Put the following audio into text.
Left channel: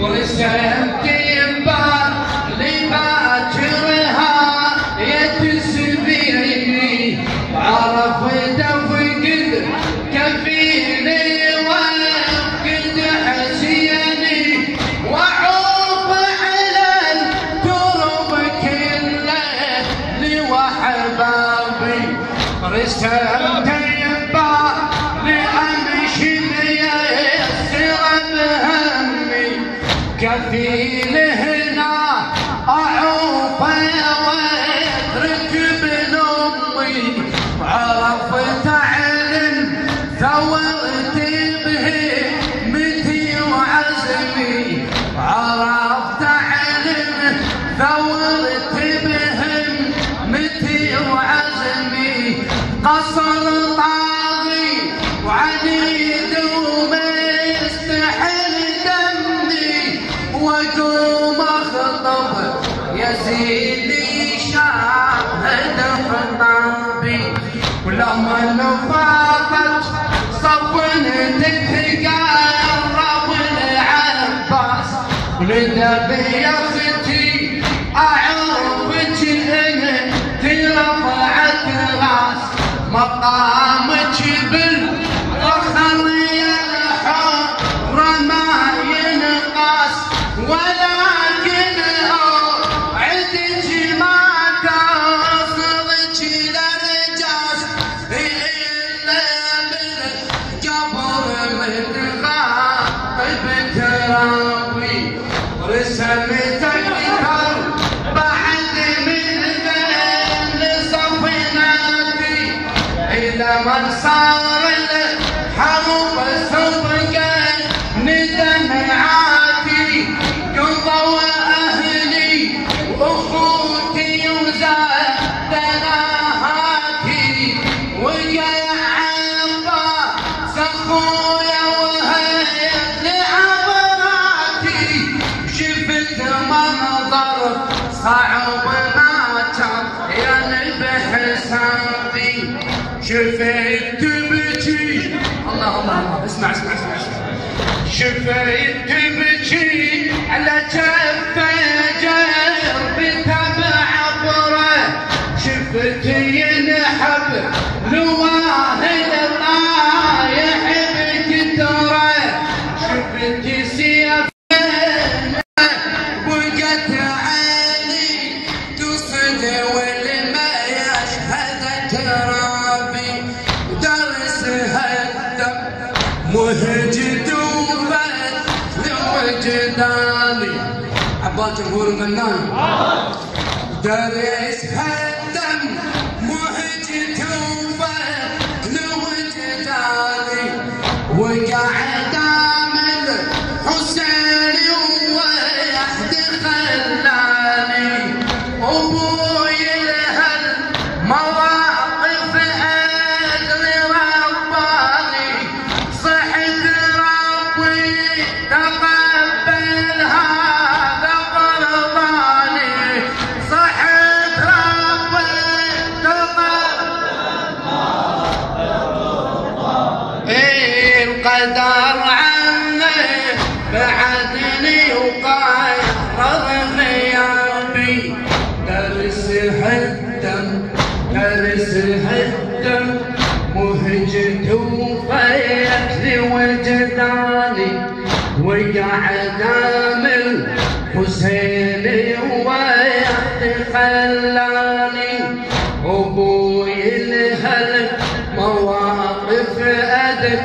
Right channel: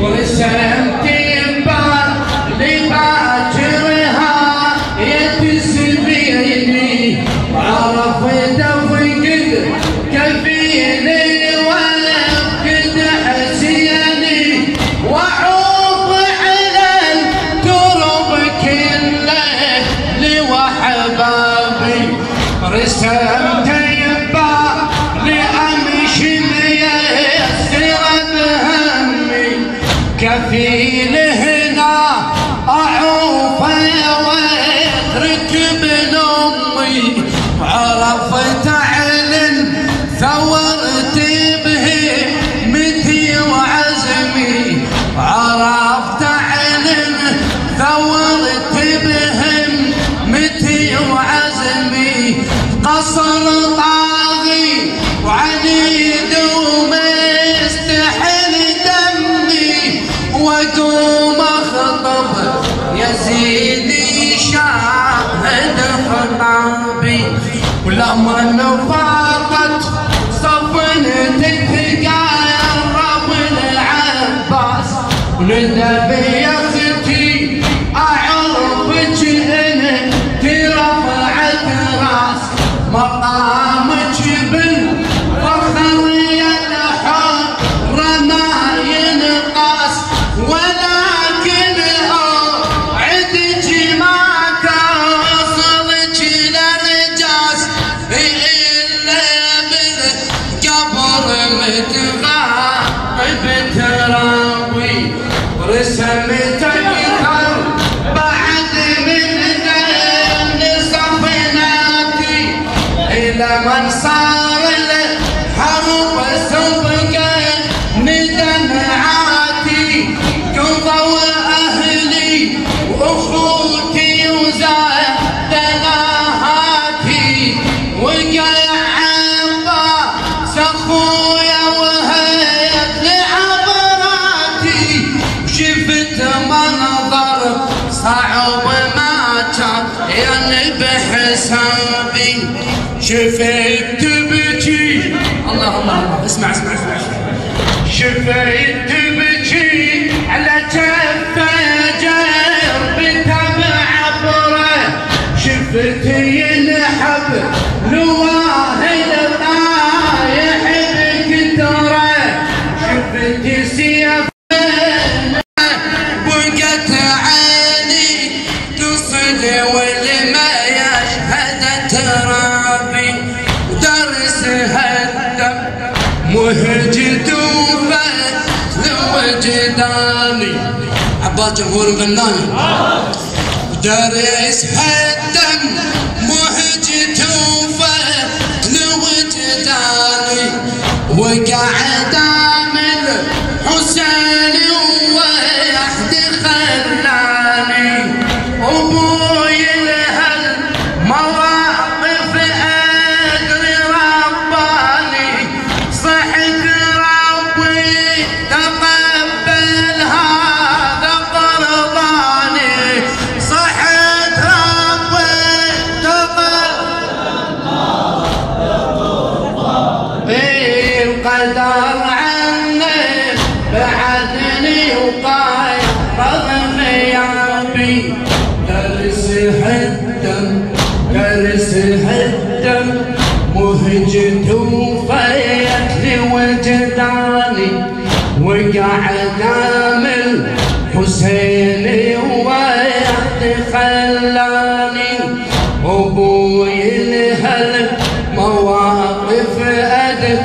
ورسمت ينبال لباكرها يتسبيني وعرفت افقد كفيني وافقد حسيني واعوض على الترب كله لوحبابي رسمت ينبال لامشي ميسر بهمي كفيل هنا اعوف واترك ابن امي وعرفت اعلن ثورت بهمتي وعزمي وعرفت اعلن ثورت بهمتي وعزمي قصر طاغي وعنيد ومستحل دمي واقوم اخطب يزيدي شاهد خطابي ولما فاضت صفنتك قرب العباس ولدبي يا اختي اعرفك انت رفعت راس مقامك بالفخر يا الحر ما ينقاس ولكن عدك ما توصلك للجاس الا بالقبر متغايب تراوي رسمتك بعد من ذن صفناتي الى من صار الحرب سبقا ندمعاتي قضوا اهلي واخوتي وزادناهاتي وقع عباس اخويا وهيت لعبراتي شفت منظر صعب ما كان يعني بحسابي شفت تبكي الله الله اسمع اسمع اسمع شفت تبكي على كفه جرب تبع عبره شفت ينحب لواهل طايح بكتره شفت سيف بقت عيني تصل والما يشهد ترابي ودرس هالدم مهجت وفتل وجداني عباس جمهور فنان ودرس هالدم مهجت وفتل وجداني وقعد عامل حسين وحد خلاني ابوي لهالمواقف ادري رباني صحت ربي تقبل هذا قرباني صحت ربي تقبل القدر عني بعدني وقايد غيابي درس هالدم درس هالدم مهجت وفيت لوجداني وقعد عامل حسيني ويحد خلاني ابوي لهالمواقف ادري